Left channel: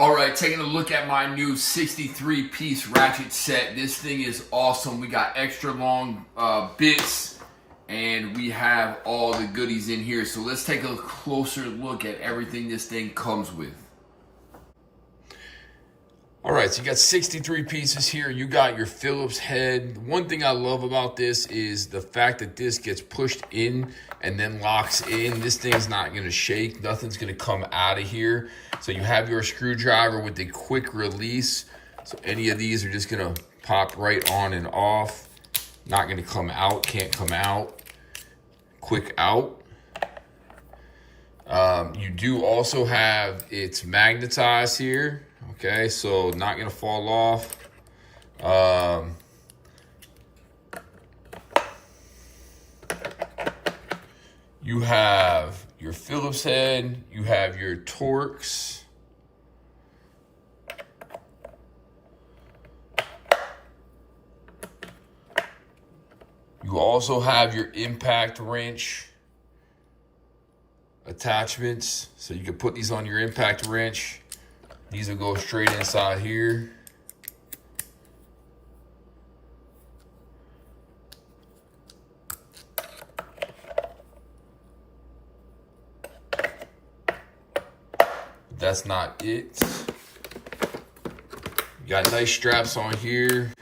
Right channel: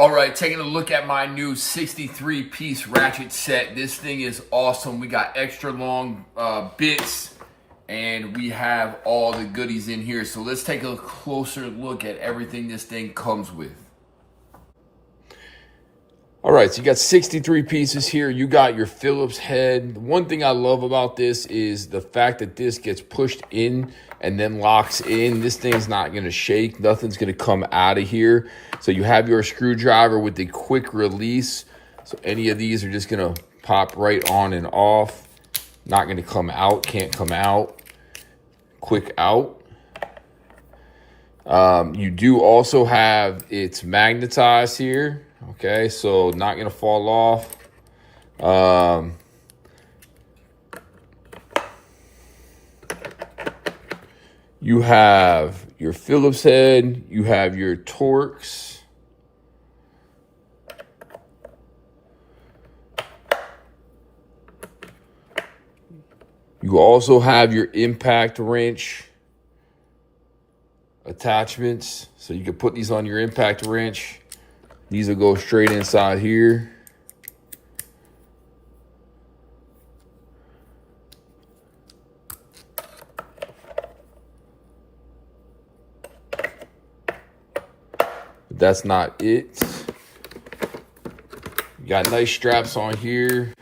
All right, taking a look at my new 63-piece ratchet set. This thing is awesome. We got extra long bits, and we have all the goodies in here. So let's take a closer look at everything this thing comes with. All right, so you got 63 pieces here. You got your Phillips head. One thing I love about this is the fact that this gets pushed in and then locks in. This thing's not gonna shake. Nothing's gonna come out of here. So you have your screwdriver with the quick release. So any of these are just gonna pop right on and off. Not gonna come out, can't come out. Quick out. You do also have, it's magnetized here. Okay, so not gonna fall off. You have your Phillips head, you have your Torx. You also have your impact wrench attachments. So you can put these on your impact wrench. These will go straight inside here. But that's not it. You got nice straps on here.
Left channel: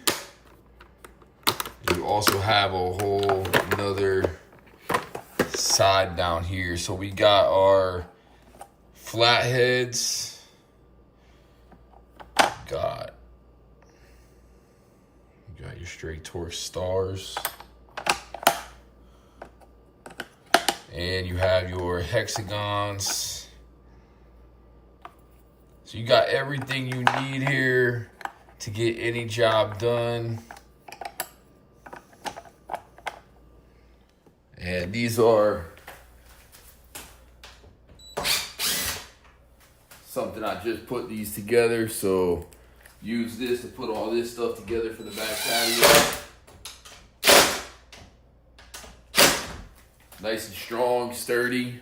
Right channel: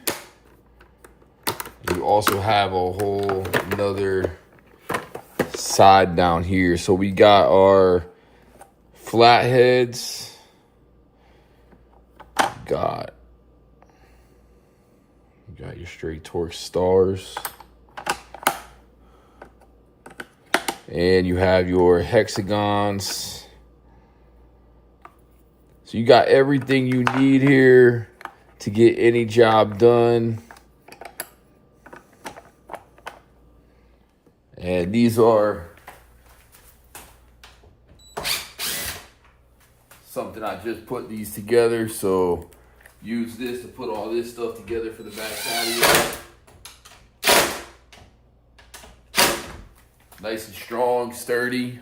You also have a whole another side down here. So we got our flatheads. You got your straight Torx stars. And you have your hexagons. So you got everything you need here to get any job done. And these are something I just put these together. So use this to put all this stuff together for the back patio. Nice and strong, sturdy.